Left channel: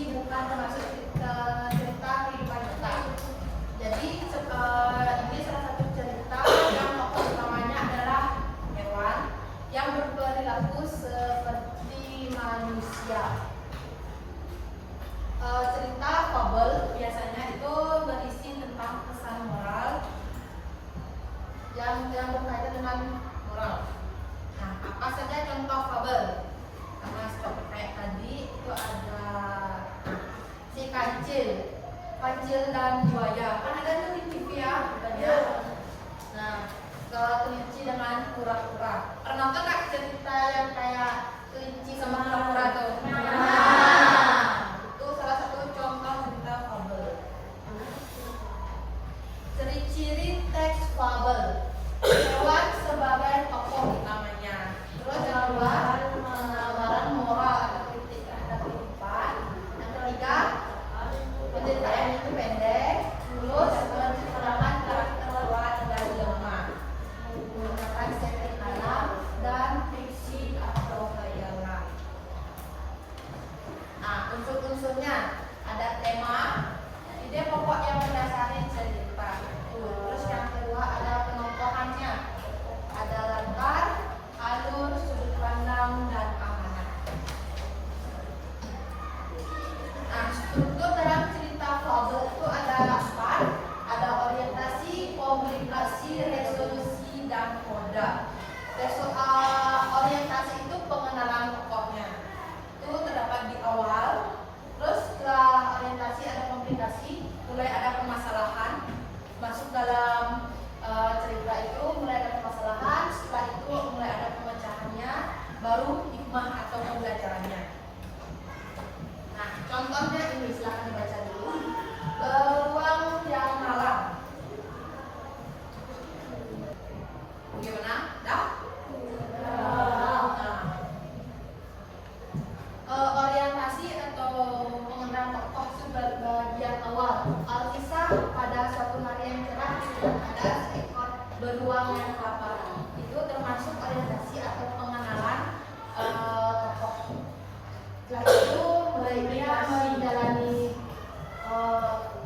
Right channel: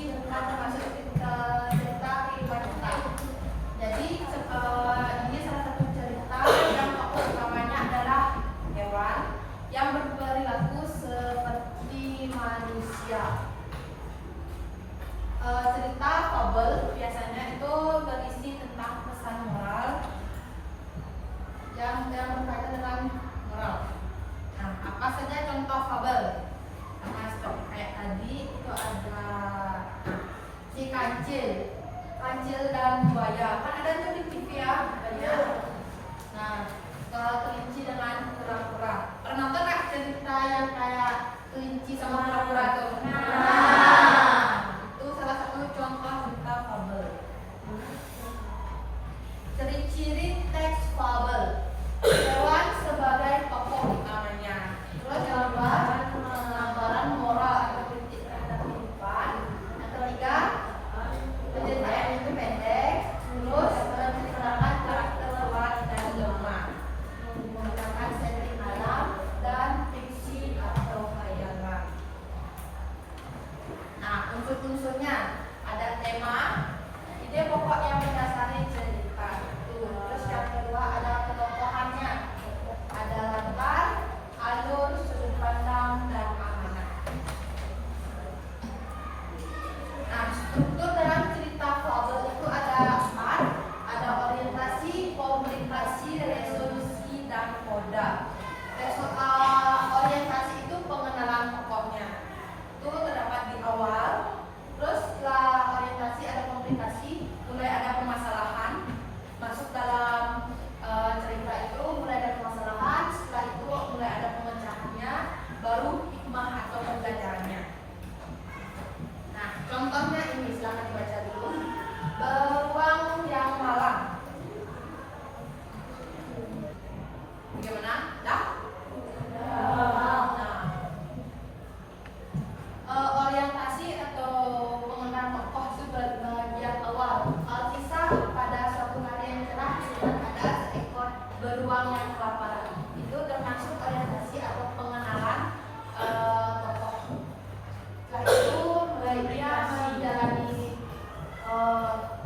terinci dengan termasuk cerita kehidupan nyata. Jadi ini salah satu cerita yang tokoh utamanya adalah hewan yang berperilaku seperti manusia. Cerita fabel biasanya itu berisi tentang pesan moral yang berkaitan dengan moral. Nah, apa saja contoh fabel? Sama seperti kayak tadi itu ada si kancil dan buaya. Kan ada tuh di TV ya, katanya. Nah, kelinci dengan kura-kura. Pernah nonton nggak cerita yang kayak kelinci sama kura-kura tuh? Itu salah satu contoh cerita fabel. Ciri-ciri teks fabel. Hewan sebagai tokoh utamanya. Terus yang kedua, penggambaran moral atau kritik terhadap kehidupan. Yang ketiga, penceritaan itu pendek, terus menceritakan karakter kuat dan lemah, menggunakan setting alam dan fiksi atau khayalan. Nah, unsur-unsurnya ada tema, ide pokok yang mendasari cerita. Terus yang kedua ada penokohannya, ada latar, alur, sudut pandang, dan amanat. Nah, struktur dalam cerita fabel itu ada 8, ada orientasi, komunikasi, resolusi, dan koda. Orientasi itu pengenalan pokoknya. Itu terdapat di awal. Terus setelah orientasi ada komunikasi, mulai ada permasalahan. Masuk dalam cerita itu mulai ada permasalahan, setelah itu mulai ada pemecahannya, baru hikmah atau pembelajarannya. Nah, contohnya ini silahkan dibaca dulu. Beruang yang malang. Gimana? Dah? Orientasi atau pengenalan tokoh itu bagian awal. Alkisah pada suatu hari yang cerah sedang ada seekor beruang yang kelaparan. Itu termasuk orientasi atau pengenalan tokoh. Setelah itu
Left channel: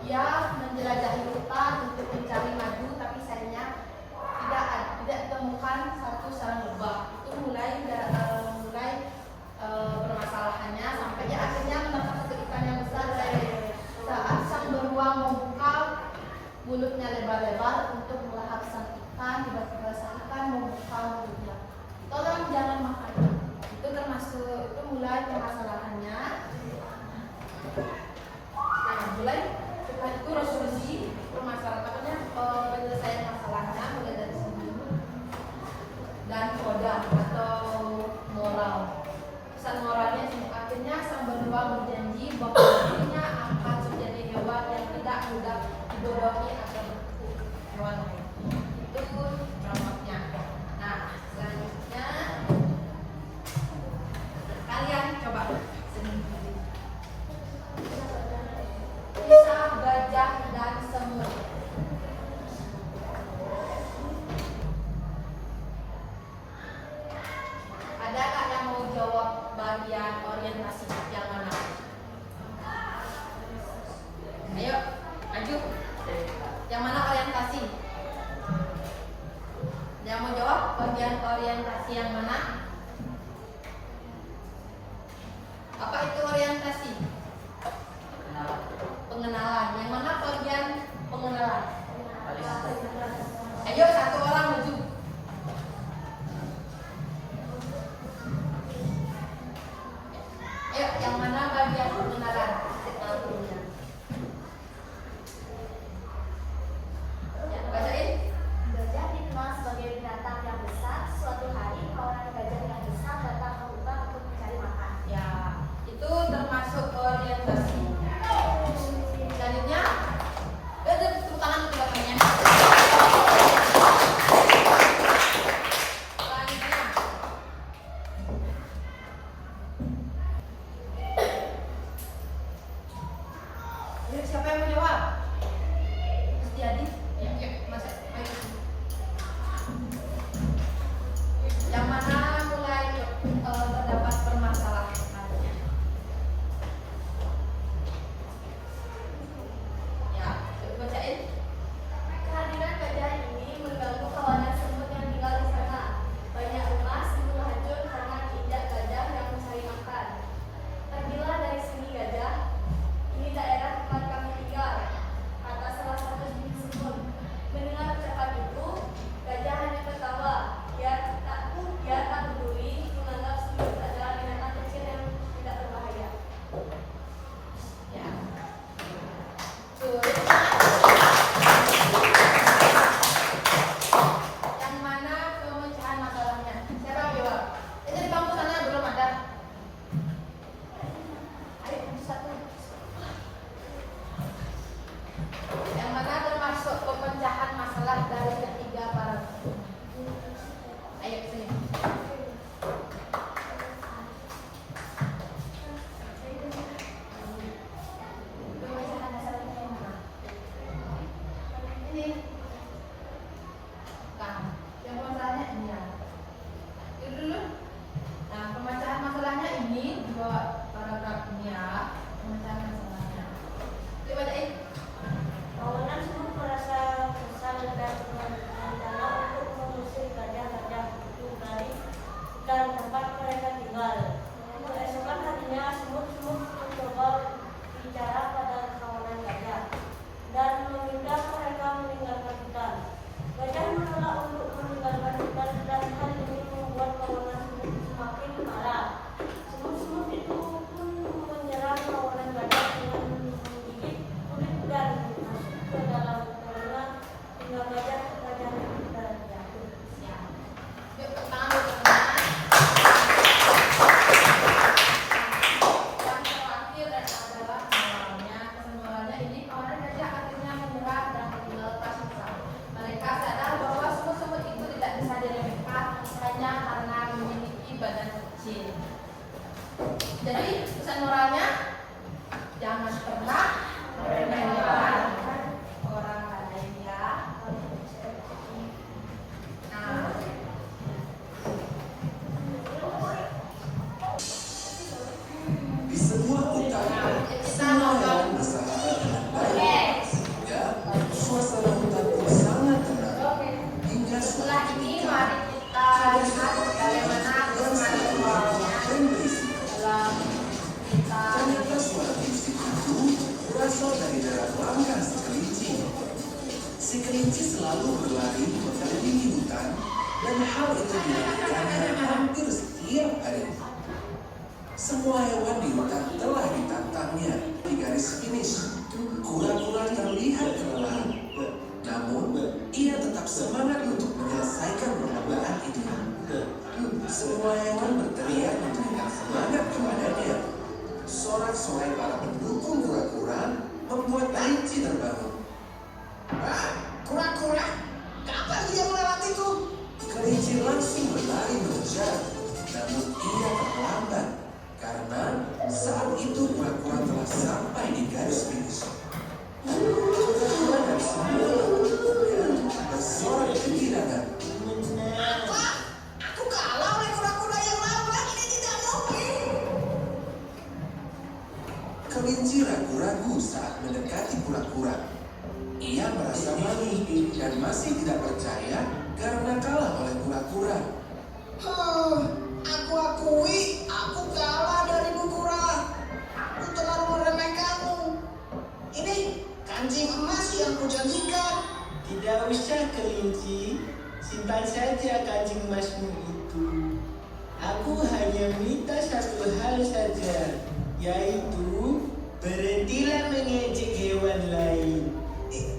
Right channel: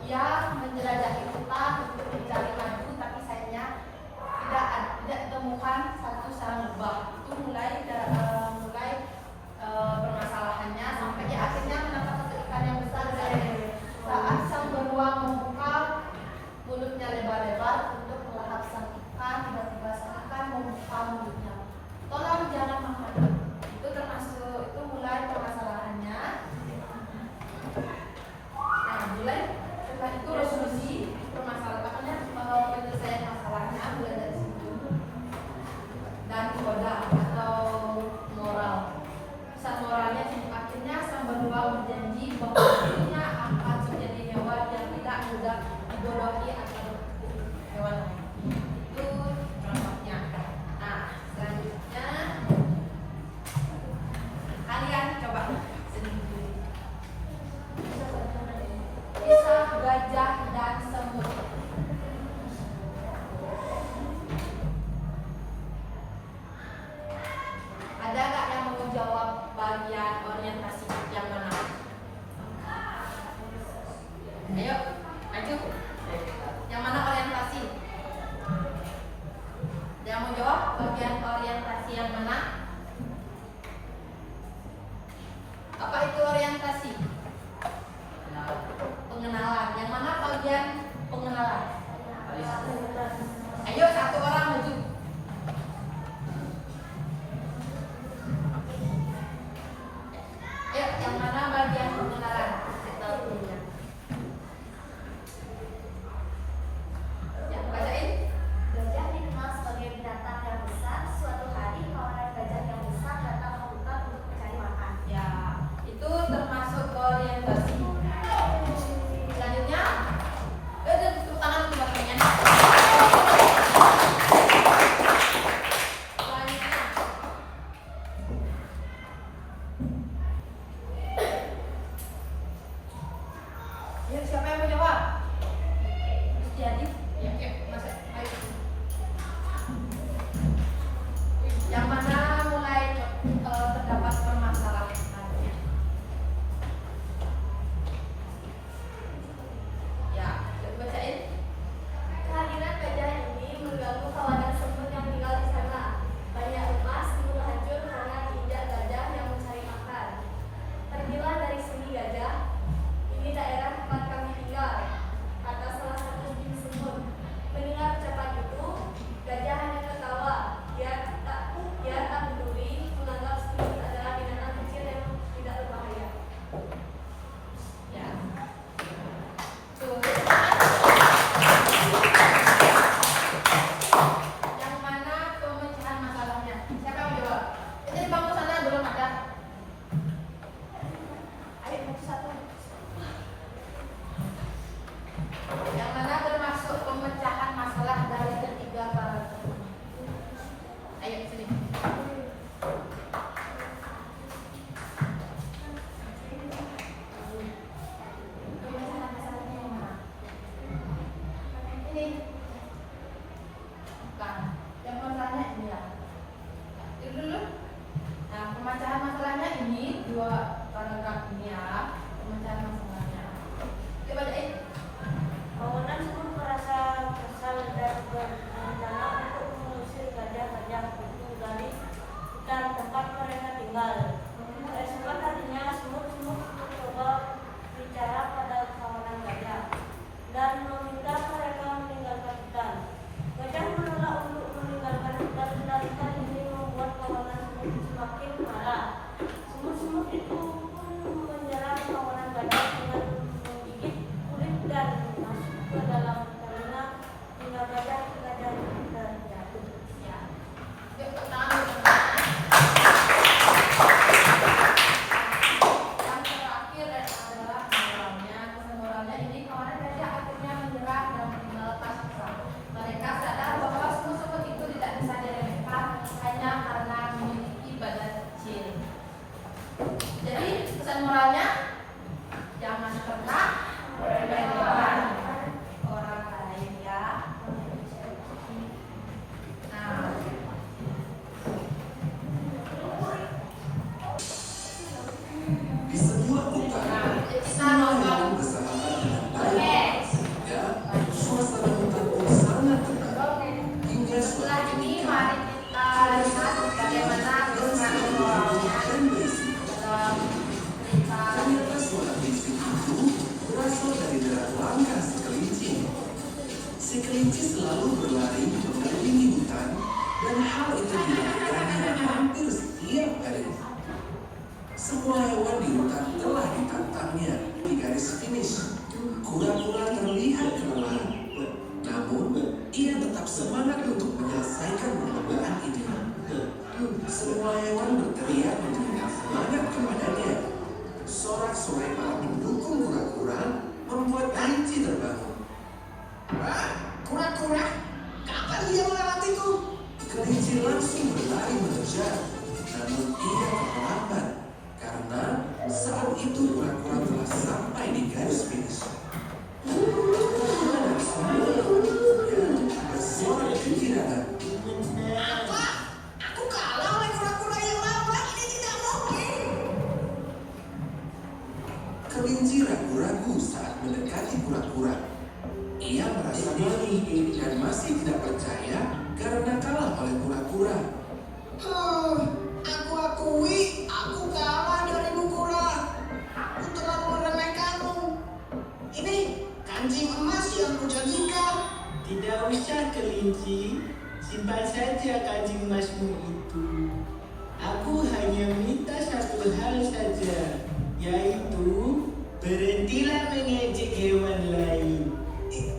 ia menjelajahi hutan untuk mencari madu, tapi sayangnya tidak ditemukan satu sarang lebah. Itu mulai permasalahannya sampai dia akhirnya menangkap satu ikan yang besar. Saat sang beruang membuka mulutnya lebar-lebar untuk melahap sang ikan, tiba-tiba sang ikan membuka mulutnya. Tolong jangan makan. Itu mulai permasalahannya. Nah, mulai setelah itu resolusi permasalahannya, penyelesaian masalahnya mulai dari situ. Dan koda atau moral. Pesan moralnya akhirnya sang beruang berjanji bahwa dirinya akan menjadi hewan yang tidak mudah dibodohi atau hewan lain. Itu contohnya. Nah, selanjutnya kalian coba sendiri. Kisah gajah dan semut. Ada nggak yang mau jawab bagian orientasi yang mana? Ayo, maju. Yang mana orientasi? Yang mau jawab bagian orientasi yang mana? Apa itu orientasi? Pengenalan. Yang mana bagian pengenalan? Ayo, satu orang maju. Ayo, yang mana bagian pengenalan? Bacain. Gajah dikenal sebagai binatang yang besar. Suatu hari kawanan gajah yang besar datang ke hutan untuk mencari makan. Ya, itu termasuk orientasi. Selanjutnya, tepuk tangan untuk belakangnya. Selanjutnya, ayo siapa yang mau jawab? Jadi, ya, masuk. Ayo. Yang mana mulai terdapat permasalahannya? pernah meremehkan orang lain ya. Nah, di sebuah hutan, semua hewan bersahabat dengan baik, sehingga suasana hutan pun sangat tenang. Hingga suatu setelah ini ketika, mari kita lihat bagaimana pesan moralnya dan berisik. dalam cerita. Ternyata suara berisik itu berasal dari derak langkah si kelinci. Si kelinci selalu berlari mengelilingi hutan, dan hal itu dilakukannya hampir setiap hari. Semua hewan di hutan telah ditantangnya di garis finish. Kura-kura terlihat kelelahan, namun ia tetap semangat untuk menyelesaikan perlombaan ini. Semua hewan berteriak memberikan semangat kepadanya. Sorak-sorai para pendukung kura-kura membuat kelinci terbangun. Kura-kura, kapan dia melewatiku? Kelinci langsung berlari mengejar, namun ia terlambat karena saat itu kura-kura telah sampai di garis finish. Kura-kura dan semua yang mendukungnya bersorak kegirangan. Apa? Aku kalah oleh kura-kura yang lambat, ini tidak mungkin. Kelinci ragu-ragu saat mendekati kura-kura. Ia merasa malu dan masih tidak percaya karena kalah oleh kura-kura. Aku akui, aku kalah darimu kura. Aku terlalu meremehkanmu. Ini kancing emas yang kujanjikan. Tidak usah kelinci, simpan saja kancing emasmu itu. Aku hanya minta satu hal saja, yaitu berhentilah mengejek hewan lain.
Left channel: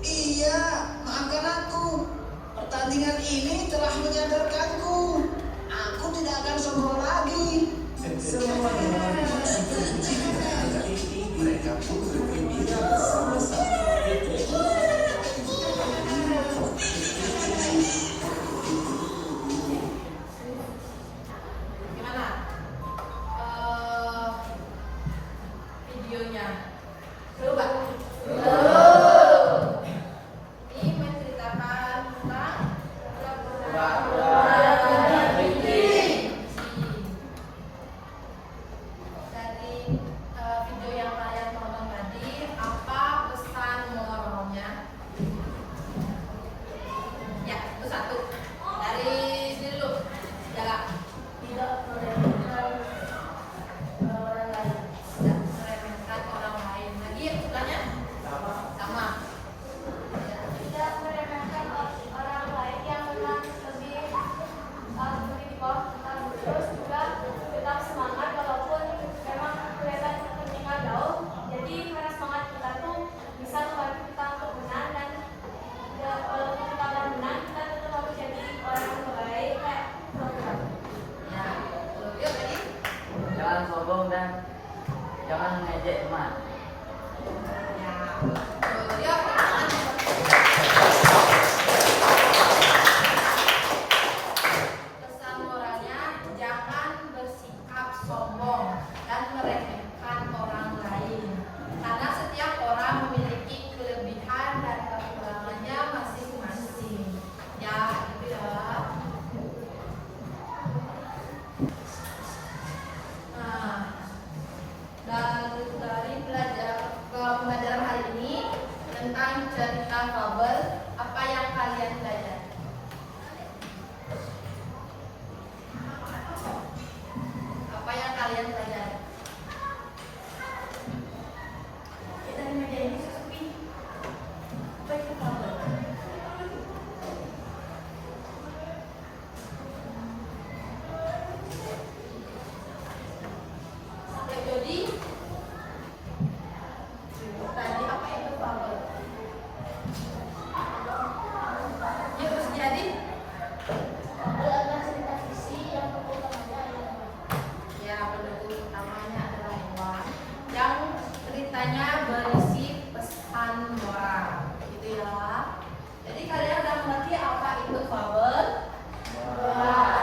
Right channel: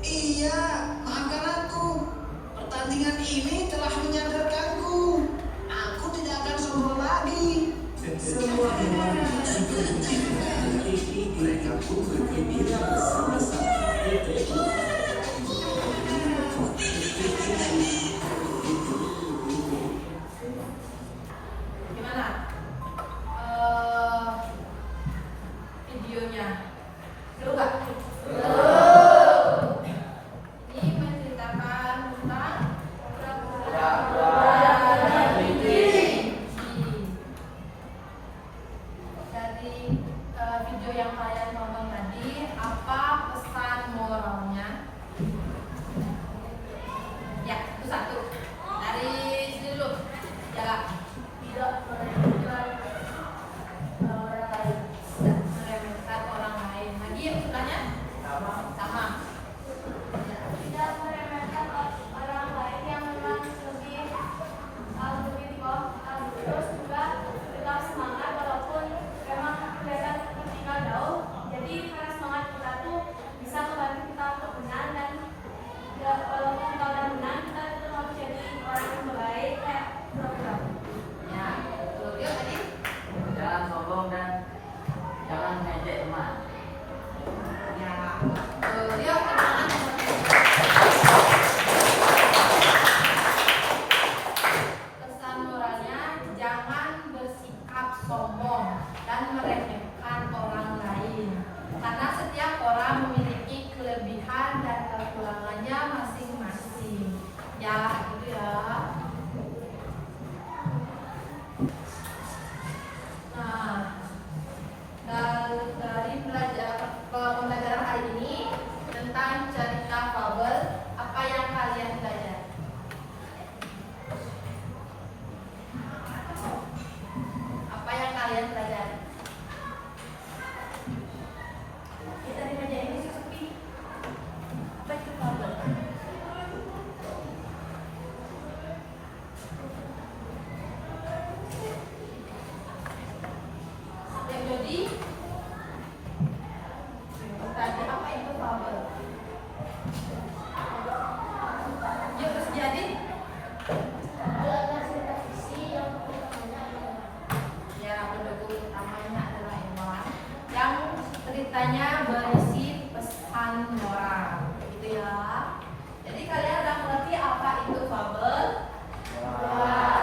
Iya, maafkan aku. Pertandingan ini telah menyadarkanku. Aku tidak akan sombong lagi. Semua hewan sudah mencintai. Mereka pun bergembira bersama-sama. Gimana? Videonya seru gak? Ini menceritakan tentang kura-kura dan kelinci. Dari video yang kalian tonton tadi, apa pesan moralnya? Ya, itu satu. Dari sini dulu. Ya, Tidak meremehkan orang lain. tidak meremehkan orang lain. Lagi sukanya? Sama. Ya. Tidak meremehkan orang lain yang memang lebih di bawah kita. Terus juga tetap semangat walaupun memang kelihatan ketinggalan jauh. Jadi karena semangat kita tuh bisa membantu kita untuk menang, dan ya, kalau kita nggak menang kita tetap harus jadi orang yang baik kayak program. Ya, betul. Yuk tadi. Jangan sombong dan jangan mengejek teman. Ya, betul. Yuk, tangan nomor 3. Pesan moralnya, jangan bersikap sombong dan meremehkan orang lain. Karena setiap orang memiliki kelebihan dan kekurangannya masing-masing. Ya, gitu ya. Nah, dan dari pembelajaran hari ini tentang cerita fabel, apa yang kalian belajar? Apa yang kalian pelajari? Kita di meja ini sepi. Apa itu kabar? Ya, jadi tadi apa itu fabel? Yuk, jadi Adalah cerita fiksi yang utamanya ya pendukung utamanya adalah hewan yang ceritanya berisi pesan moral, gitu ya. Jadi kalian udah mengerti apa itu fabel? Ya.